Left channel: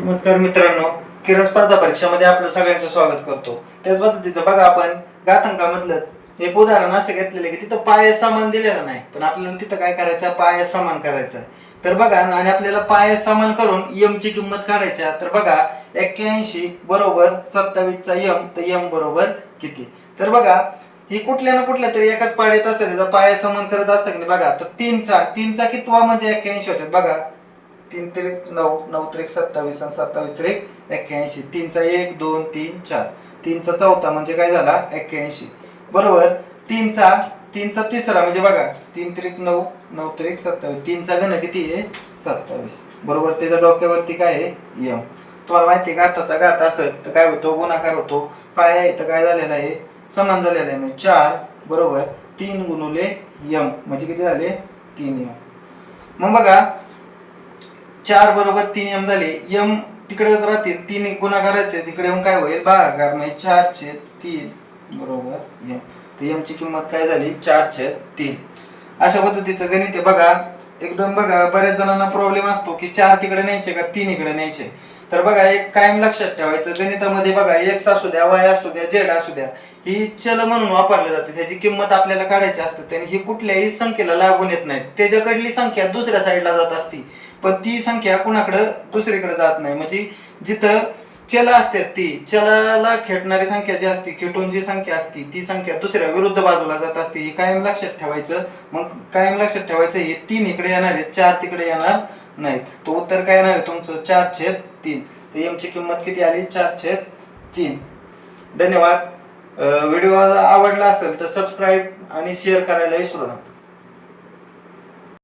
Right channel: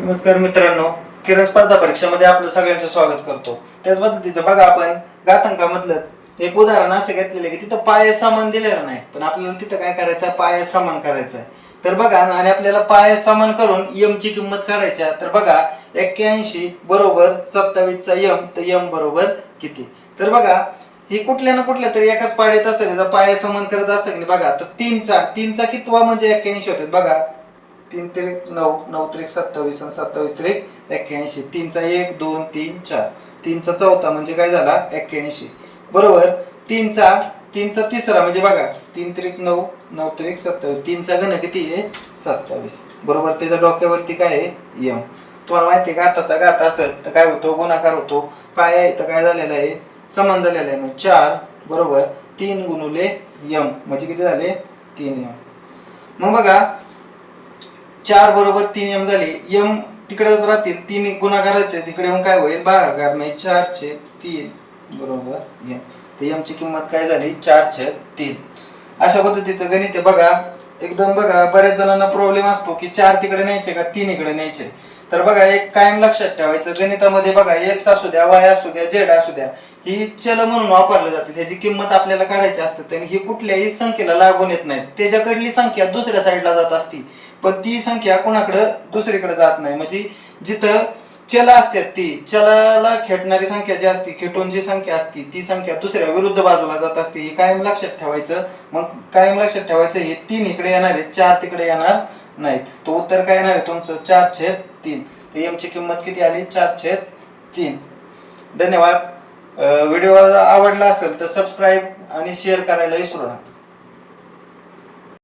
नमस्कार मित्रांनो, किरण स्पर्धा परीक्षामध्ये आपलं सगळ्यांचं स्वागत करतो. त्याच पद्धतीचं बघा, आपण घातांकामधलंच एक उदाहरण असं घेतलेलं आहे की तिथं पाय समान दिलेला नाही, पण आपल्याला तिथं काय करायचं आहे, पाय समान करायचा आहे. तर बघा, आणि आपल्याला पाय समान करून यम ची किंमत काढायची. तर बघा, 81 बरोबर 27 चा यम, तर यम बरोबर किती. तर बघा, ही कुठल्या ना कुठल्या तरी एकाच पाड्यात असतं, त्याचा पाय समान करत असतं की नाही. बघा, तर तीनचा कितवा म्हणजे 81 होतात. बघा, 3 त्रिक 9, 9 त्रिक 27 आणि 27 त्रिक 81. 3चा 1 2 3 4, 3चा चौथा म्हणजे काय झाला, 81 बरोबर. 3चा तिसरा म्हणजे बघा, 3 त्रिक 9, 9 त्रिक 27, 3चा घन किती आहे, 27 बरोबर. त्याच्या डोक्यावरती काय आहे, यम. तुम्हाला माहिती आहे का, आताचा घात असेल तर काय होतो, गुणाकार होतो. पाय आहे तर काय झालेला आहे, समान झालेला आहे. म्हणजे 4 बरोबर 3 गुणुले यम म्हणजे किती झाले, 3 यम. मग बघा, 4 बरोबर 3 यम झाले. यम तिकडेच राहतील, 3 गुणाकार येते तिकडे येऊन काय होईल, भागाकार. म्हणजे 4/3 बरोबर यम. तर यम ची किंमत काय झाली, 4/3. अशा पद्धतीचं गणित आहे. बघा, एकदम बघा, बऱ्याच जणांना प्रॉब्लेम असतो की 4 तिकडे न्यायचे का 3 इकडे न्यायचे. तर बघा, एक कायम लक्षात ठेवायचं, गणितामध्ये बघा, एक्स असू द्या, वाय असू द्या, झेड असू द्या, ही चल म्हणून वापरले जाते. त्याची किंमत आपल्याला काढायची असते आणि ही कुठल्याही संख्येला लागून येत नाही. त्याच्याकडली संख्या दुसऱ्या साईडला जात असती, पण ती संख्या कुणाकडे दुसरीकडे जात नाही. म्हणजे जिथं चल असतात, ती चलाला खेटणारी संख्या जी असते, खेटून जी संख्या असते, ती संख्या दुसऱ्या विरुद्ध बाजूला जात असते. हे कायम लक्षात ठेवायचं. मग कायम लक्षात ठेवायचं, हे 3 इकडे येणार आहेत, 4 तिकडे येणार नाहीत. तो उत्तर काय येणार आहे तुमचं, 4/3. तर एम ची किंमत किती आली, 4/3. धन्यवाद. व्हिडिओ आवडला असेल तर सबस्क्राईब आणि शेअर करायला विसरू नका.